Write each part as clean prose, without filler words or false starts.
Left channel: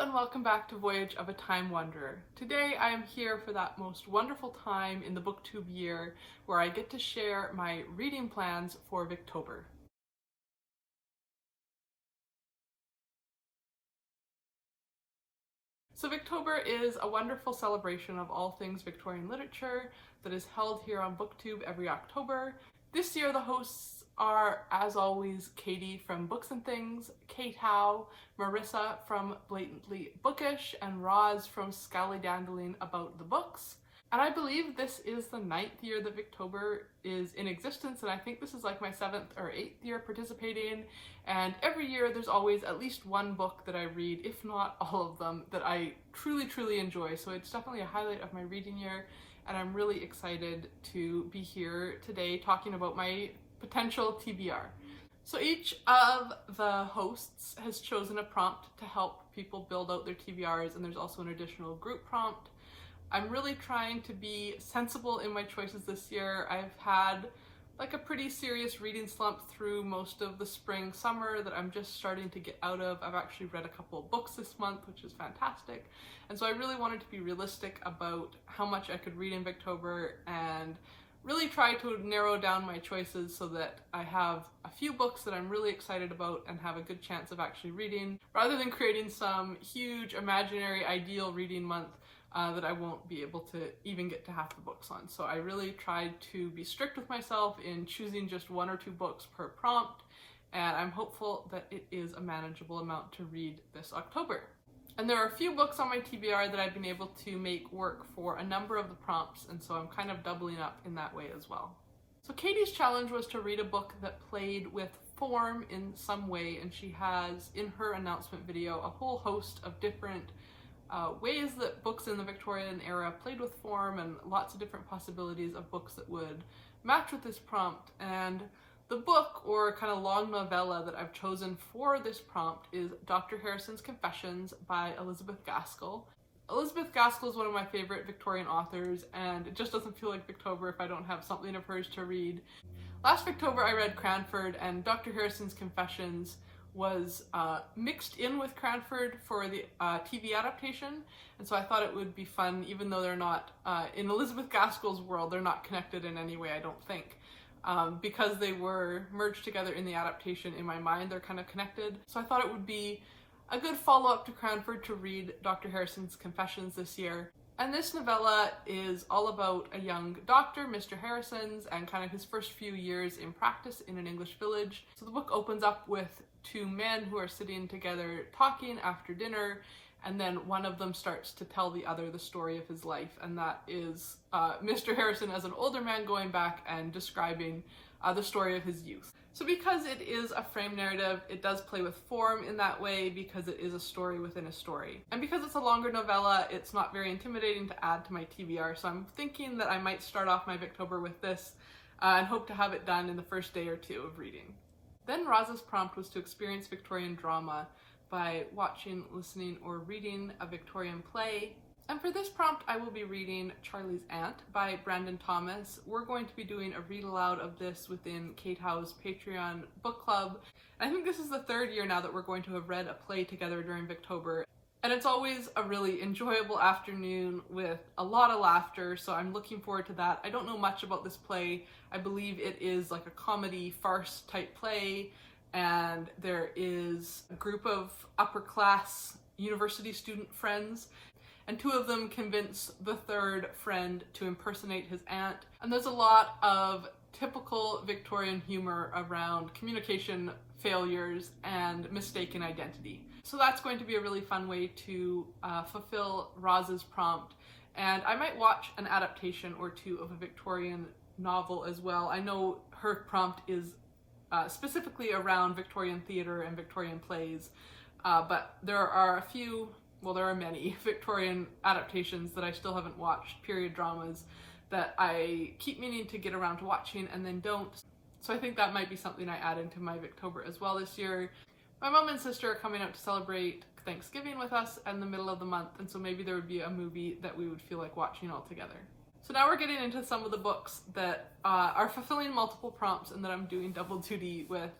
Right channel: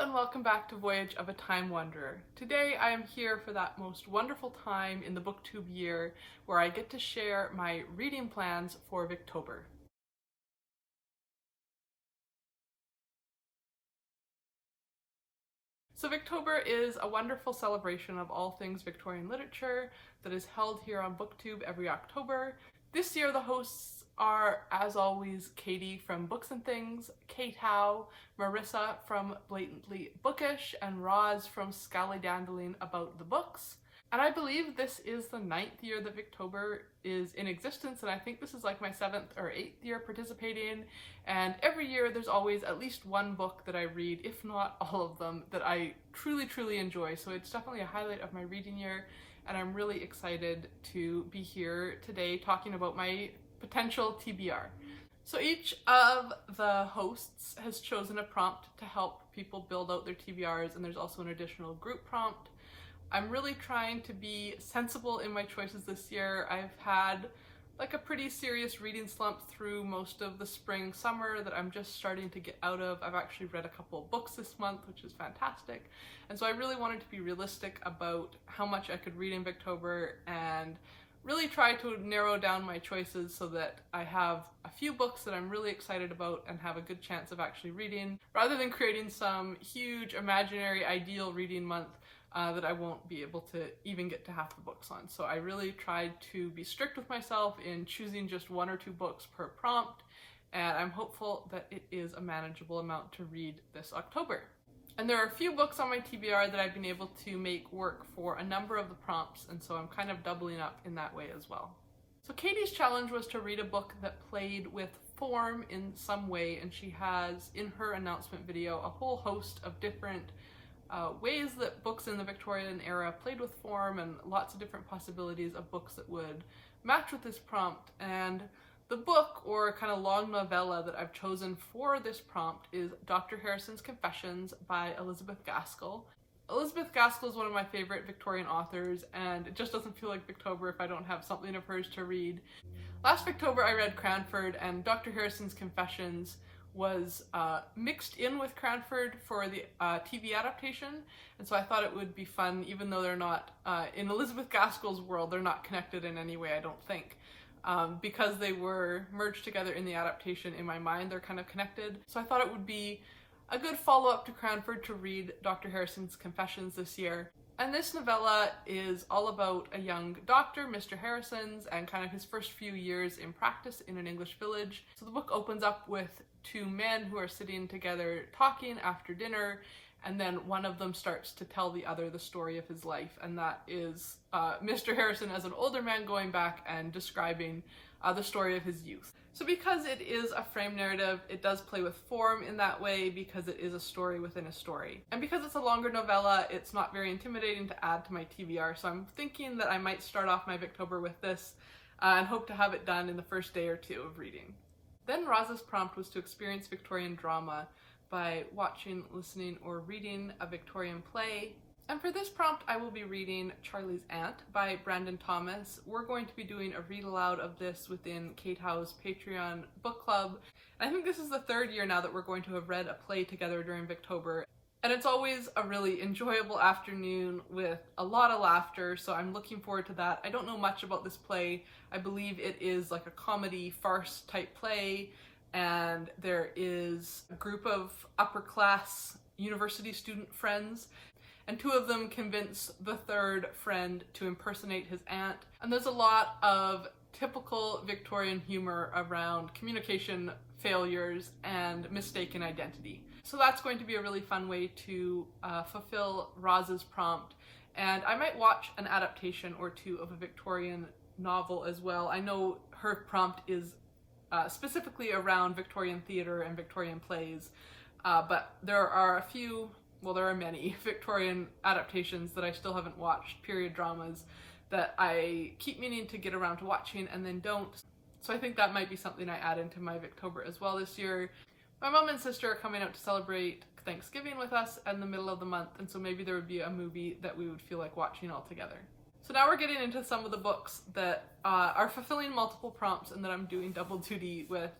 and welcome back to Voyage of a Time Wanderer. Today I am here for that most wonderful time in the Booktube year where I get to share my reading plans for Victober. So Victober is a wonderful celebration of all things Victorian literature that is held here on Booktube every October. This year the hosts are, as always, Katie from Books and Things, Kate Howe, Marissa from Blatantly Bookish, and Roz from Scallydandling About the Books. And I believe this is the 9th year that Victober is in existence, and I think this is like my 7th or 8th year participating. And every year there's always at least one book that I read, if not all of them, that I truly enjoy. So it's definitely a highlight of my reading year, and I'm really excited to be here today talking about my potential TBR. So each of the hosts has chosen a prompt to help people build out their TBRs, and there's also an additional group prompt. I'm really trying to be sensible in my choices this year. I've had like a pretty serious reading slump through most of the spring, summer that I'm just starting to get out of. I've actually read a couple of books this month, which is fantastic. And so I really wanted to be realistic about how much I could read in Victober and really try to narrow down my choices so that I have a few books that I'm really excited about and have a good chance of actually reading, rather than creating some huge imaginary ideal reading month that I won't be able to even get to half the books on. So I really tried to be strict with myself in choosing just 1 or 2 books per prompt, and I'm hopeful that it is a manageable amount to read this October. And there are a few books on my TBR that I've been able to make work for a number of the prompts, and so I'm kind of doubling up in that way as well. So Katie's challenge was to read a book that played with form in some way, and she has in her announcement video a whole host of different ways that books in the Victorian era played with form, and lots of different possibilities of books that would match with this prompt. And the book, or kind of long novella, that I've chosen for this prompt is Dr. Harrison's Confessions by Elizabeth Gaskell. Elizabeth Gaskell is one of my favorite Victorian authors, and it just doesn't feel like Victober if I don't have something of hers to read. Last Victober I read Cranford, and Dr. Harrison's Confessions was mixed in with Cranford for the TV adaptation, and so I thought it would be fun, even though they're not, in Elizabeth Gaskell's world, they're not connected in any way, I don't think. Because they were merged together in the adaptation, in my mind they're kind of connected. So I thought it would be a good follow-up to Cranford to read Dr. Harrison's Confessions this year. And this novella is all about a young doctor, Mr. Harrison's, and kind of his first few years in practice in an English village. So the book opens up with 2 men who are sitting together talking after dinner, and then one of them starts to tell the other the story of his life, and that is Mr. Harrison as an older man going back and describing the story of his youth. So because it is a frame narrative, it does play with form in that way, because it is a story within a story. And because it's a longer novella, it's not very intimidating to add to my TBR, so I'm thinking that I might start off my Victober with this and hope to have it done in the first day or 2 of reading. Then Roz's prompt was to experience Victorian drama by watching, listening, or reading a Victorian play. And for this prompt, I will be reading Charley's Aunt by Brandon Thomas. We're going to be doing a read aloud of this within Kate Howe's Patreon book club. And I think this is the 3rd year now that we're going to have read a play together during Victober. And it's always a really enjoyable afternoon with a lot of laughter, so I'm looking forward to that. I don't know much about this play. I believe it is like a comedy farce type play, and there is a group of upper class university student friends, and 2 of them convince the 3rd friend to impersonate his aunt. And there's a lot of typical Victorian humor around communication failures and mistaken identity. So that's going to be a really fun way to fulfill Roz's prompt. And I might watch an adaptation or 2 of a Victorian novel as well. I know her prompt is specifically around Victorian theatre and Victorian plays, but there are many Victorian adaptations that I still haven't watched, period dramas, that I keep meaning to get around to watching and then don't. So I think that might be something I add into my Victober as well this year. My mom and sister are coming out to celebrate Thanksgiving with us in the middle of the month, and so maybe there would be a movie that we would feel like watching all together. So now we're getting into some of the books that are fulfilling multiple prompts and that I'm doing double duty with.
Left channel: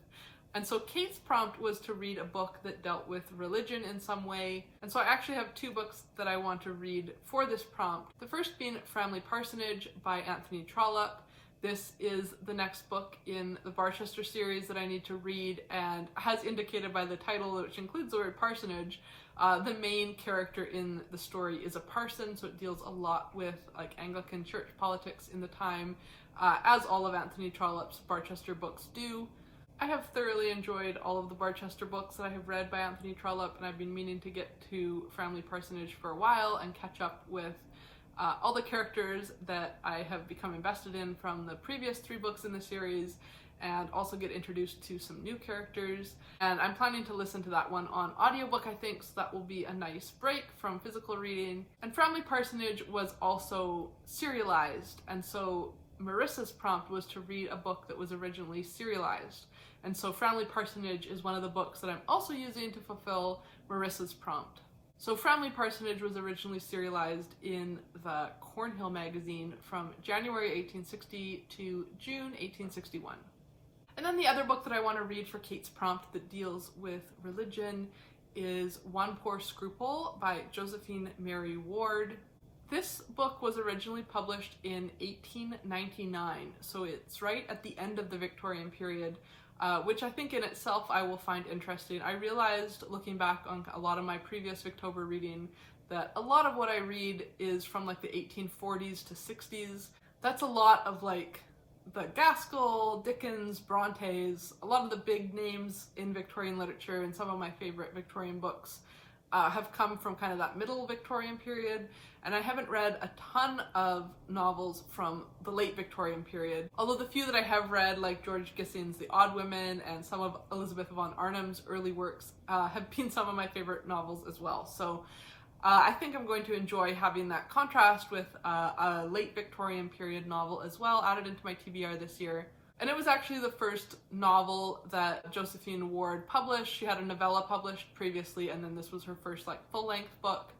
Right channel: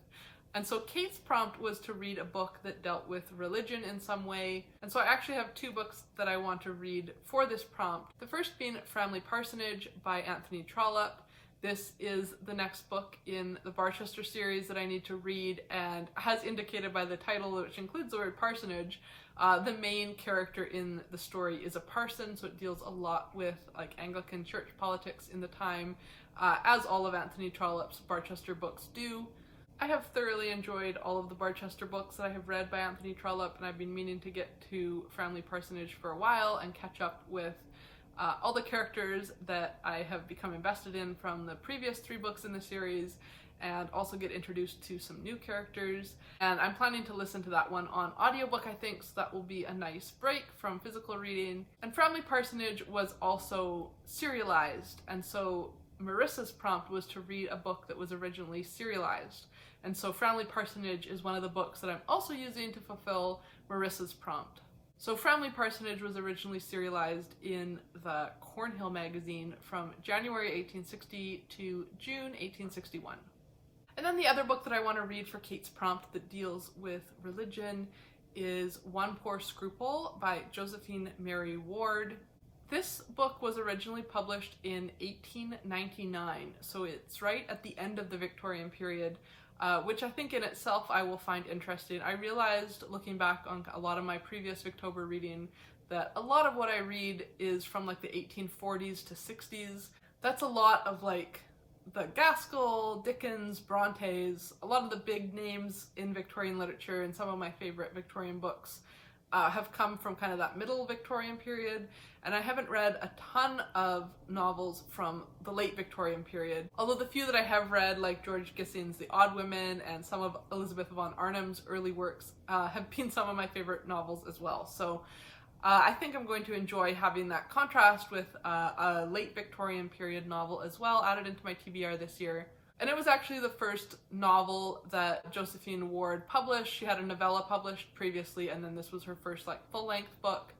And so Kate's prompt was to read a book that dealt with religion in some way. And so I actually have two books that I want to read for this prompt. The first being Framley Parsonage by Anthony Trollope. This is the next book in the Barchester series that I need to read, and as indicated by the title, which includes the word parsonage, the main character in the story is a parson, so it deals a lot with like Anglican church politics in the time, as all of Anthony Trollope's Barchester books do. I have thoroughly enjoyed all of the Barchester books that I have read by Anthony Trollope, and I've been meaning to get to Framley Parsonage for a while and catch up with all the characters that I have become invested in from the previous 3 books in the series, and also get introduced to some new characters. And I'm planning to listen to that one on audiobook, I think, so that will be a nice break from physical reading. And Framley Parsonage was also serialized, and so Marissa's prompt was to read a book that was originally serialized. And so Framley Parsonage is one of the books that I'm also using to fulfill Marissa's prompt. So Framley Parsonage was originally serialized in the Cornhill magazine from January 1860 to June 1861. And then the other book that I want to read for Kate's prompt that deals with religion is One Poor Scruple by Josephine Mary Ward. This book was originally published in 1899, so it's right at the end of the Victorian period, which I think in itself I will find interesting. I realized, looking back on a lot of my previous Victober reading, that a lot of what I read is from like the 1840s to 60s. That's a lot of like the Gaskell, Dickens, Brontes, a lot of the big names in Victorian literature, and some of my favorite Victorian books have come from kind of that middle Victorian period, and I haven't read a ton of novels from the late Victorian period, although the few that I have read, like George Gissing's The Odd Women and some of Elizabeth von Arnim's early works, have been some of my favorite novels as well. So I think I'm going to enjoy having that contrast with a late Victorian period novel as well added into my TBR this year. And it was actually the first novel that Josephine Ward published. She had a novella published previously, and then this was her first like full-length book.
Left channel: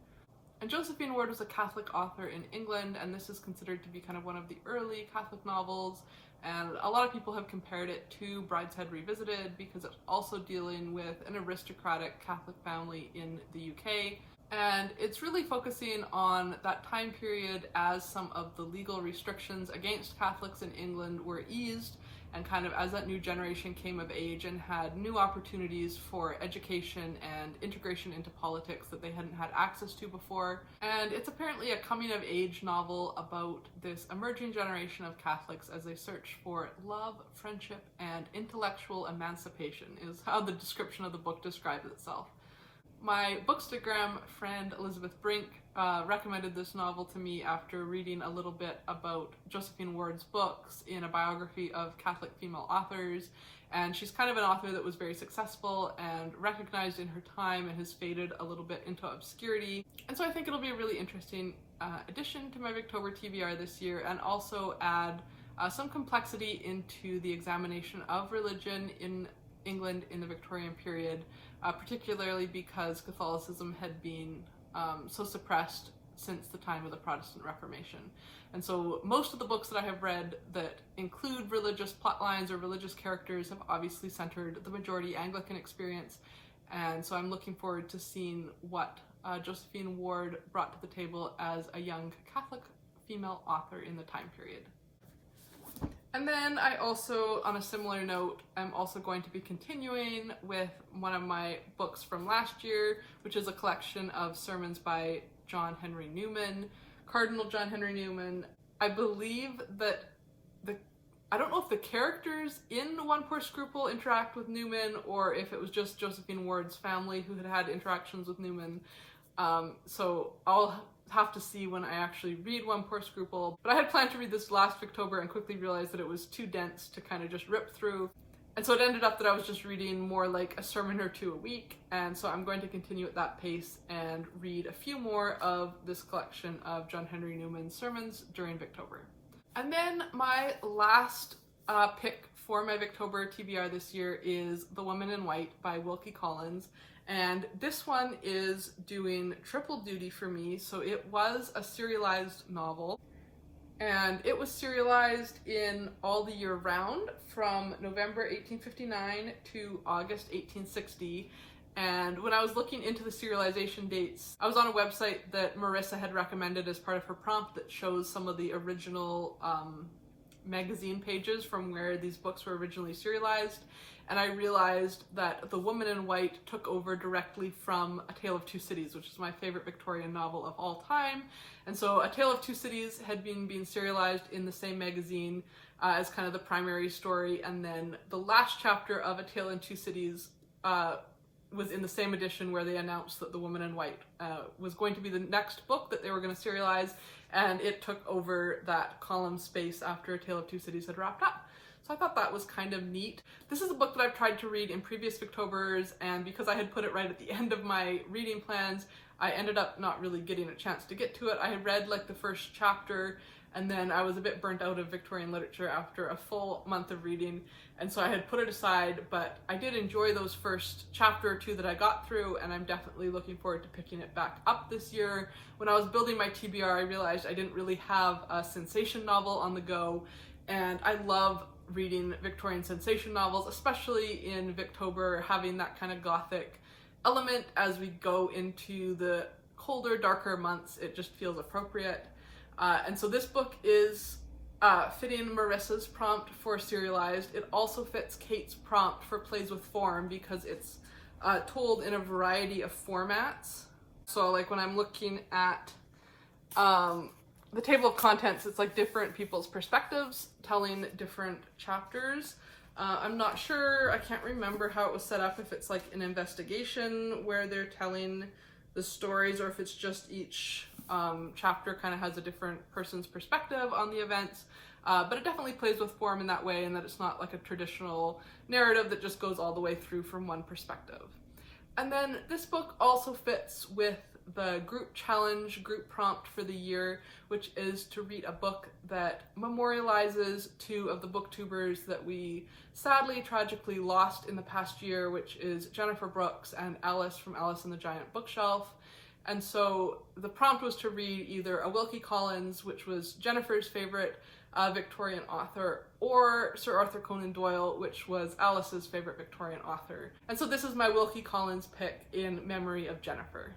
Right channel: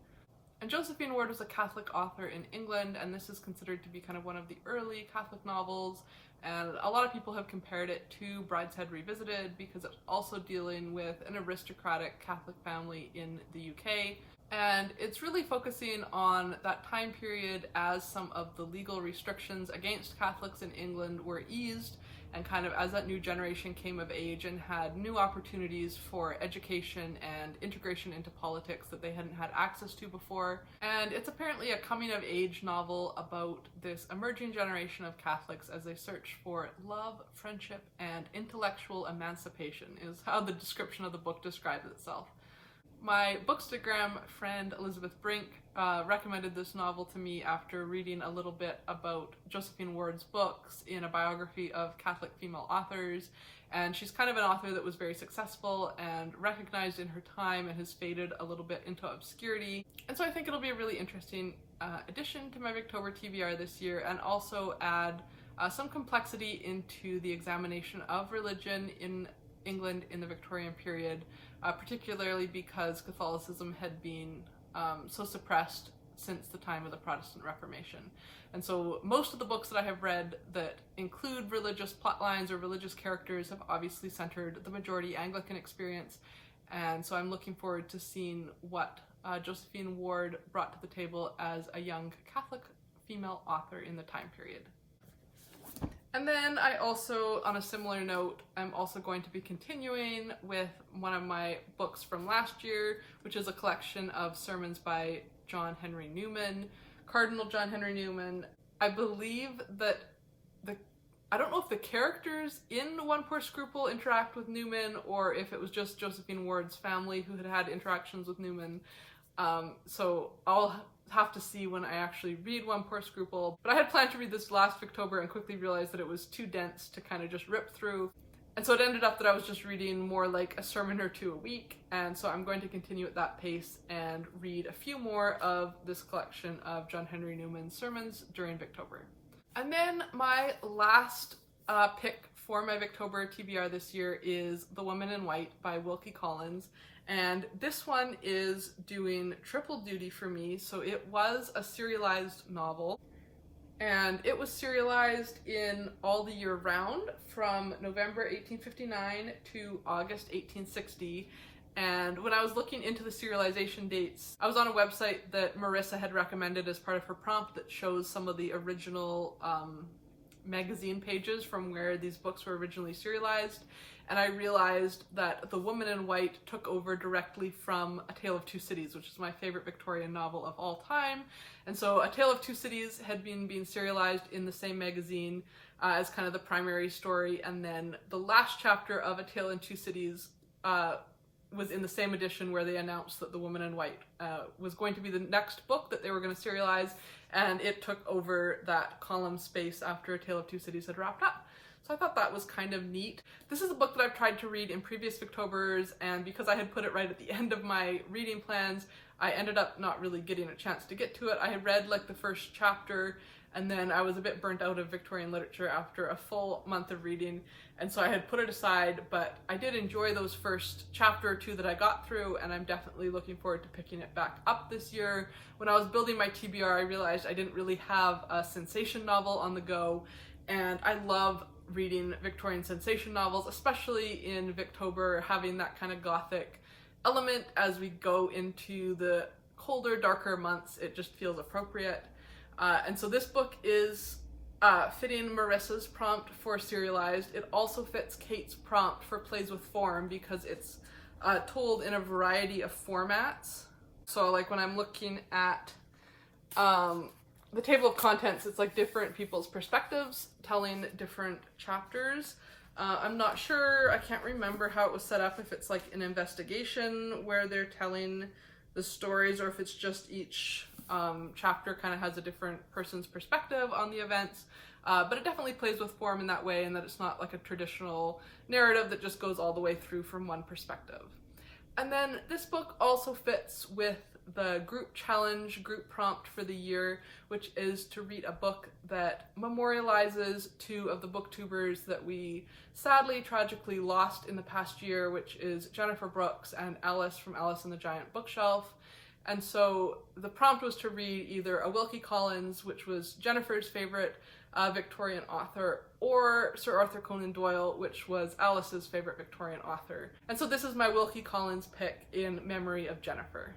And Josephine Ward was a Catholic author in England, and this is considered to be kind of one of the early Catholic novels. And a lot of people have compared it to Brideshead Revisited because it's also dealing with an aristocratic Catholic family in the UK. And it's really focusing on that time period as some of the legal restrictions against Catholics in England were eased, and kind of as that new generation came of age and had new opportunities for education and integration into politics that they hadn't had access to before. And it's apparently a coming-of-age novel about this emerging generation of Catholics as they search for love, friendship, and intellectual emancipation, is how the description of the book describes itself. My Bookstagram friend Elizabeth Brink recommended this novel to me after reading a little bit about Josephine Ward's books in a biography of Catholic female authors, and she's kind of an author that was very successful and recognized in her time and has faded a little bit into obscurity. And so I think it'll be a really interesting addition to my Victober TBR this year, and also add some complexity into the examination of religion in England in the Victorian period, particularly because Catholicism had been so suppressed since the time of the Protestant Reformation. And so most of the books that I have read that include religious plotlines or religious characters have obviously centered the majority Anglican experience, and so I'm looking forward to seeing what Josephine Ward brought to the table as a young Catholic female author in the time period. And then I also, on a similar note, I'm also going to be continuing with one of my books from last year, which is a collection of sermons by John Henry Newman, Cardinal John Henry Newman. I believe that I don't know if the characters in One Poor Scruple interact with Newman, or if it was just Josephine Ward's family who had had interactions with Newman. So I'll have to see when I actually read One Poor Scruple. But I had planned to read this last Victober and quickly realized that it was too dense to kind of just rip through. And so it ended up that I was just reading more like a sermon or two a week. And so I'm going to continue at that pace and read a few more of this collection of John Henry Newman's sermons during Victober. And then my last pick for my Victober TBR this year is The Woman in White by Wilkie Collins. And this one is doing triple duty for me. So it was a serialized novel, and it was serialized in all the year round from November 1859 to August 1860. And when I was looking into the serialization dates, I was on a website that Marissa had recommended as part of her prompt that shows some of the original magazine pages from where these books were originally serialized. And I realized that The Woman in White took over directly from A Tale of Two Cities, which is my favorite Victorian novel of all time. And so A Tale of Two Cities had been being serialized in the same magazine as kind of the primary story. And then the last chapter of A Tale in Two Cities was in the same edition where they announced that The Woman in White was going to be the next book that they were going to serialize, and it took over that column space after A Tale of Two Cities had wrapped up. So I thought that was kind of neat. This is a book that I've tried to read in previous Victobers, and because I had put it right at the end of my reading plans, I ended up not really getting a chance to get to it. I had read like the first chapter, and then I was a bit burnt out of Victorian literature after a full month of reading, and so I had put it aside, but I did enjoy those first chapter or two that I got through, and I'm definitely looking forward to picking it back up this year. When I was building my TBR, I realized I didn't really have a sensation novel on the go, and I love reading Victorian sensation novels, especially in Victober, having that kind of gothic element as we go into the colder, darker months. It just feels appropriate. And so this book is fitting Marissa's prompt for serialized. It also fits Kate's prompt for plays with form because it's told in a variety of formats. So like when I'm looking at the table of contents, it's like different people's perspectives telling different chapters. I'm not sure, I can't remember how it was set up, if it's like an investigation where they're telling the stories or if it's just each chapter kind of has a different person's perspective on the events. But it definitely plays with form in that way, and that it's not like a traditional narrative that just goes all the way through from one perspective. And then this book also fits with the group challenge, group prompt for the year, which is to read a book that memorializes two of the booktubers that we sadly, tragically lost in the past year, which is Jennifer Brooks and Alice from Alice and the Giant Bookshelf. And so the prompt was to read either a Wilkie Collins, which was Jennifer's favorite Victorian author, or Sir Arthur Conan Doyle, which was Alice's favorite Victorian author. And so this is my Wilkie Collins pick in memory of Jennifer.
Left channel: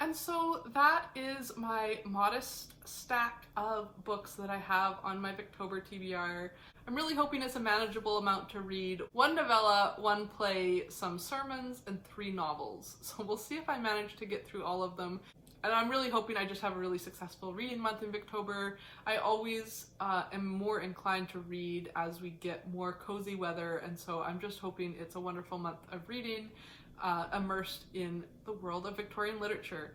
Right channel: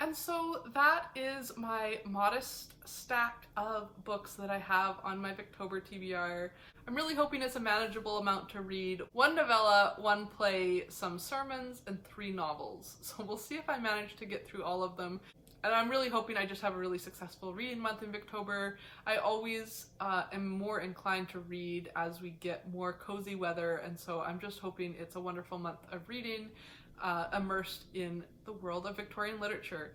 And so that is my modest stack of books that I have on my Victober TBR. I'm really hoping it's a manageable amount to read. 1 novella, 1 play, some sermons, and 3 novels. So we'll see if I manage to get through all of them. And I'm really hoping I just have a really successful reading month in Victober. I always am more inclined to read as we get more cozy weather, and so I'm just hoping it's a wonderful month of reading, immersed in the world of Victorian literature.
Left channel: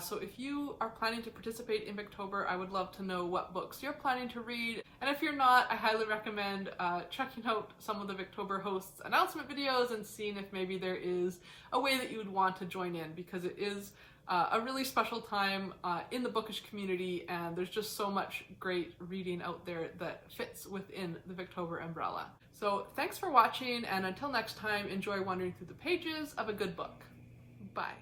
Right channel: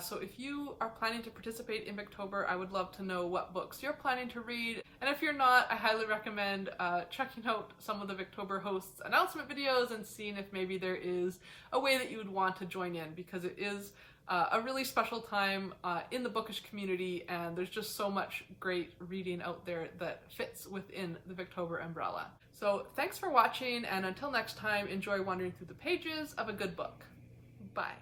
So if you are planning to participate in Victober, I would love to know what books you're planning to read. And if you're not, I highly recommend checking out some of the Victober Hosts announcement videos and seeing if maybe there is a way that you would want to join in, because it is a really special time in the bookish community, and there's just so much great reading out there that fits within the Victober umbrella. So thanks for watching, and until next time, enjoy wandering through the pages of a good book. Bye.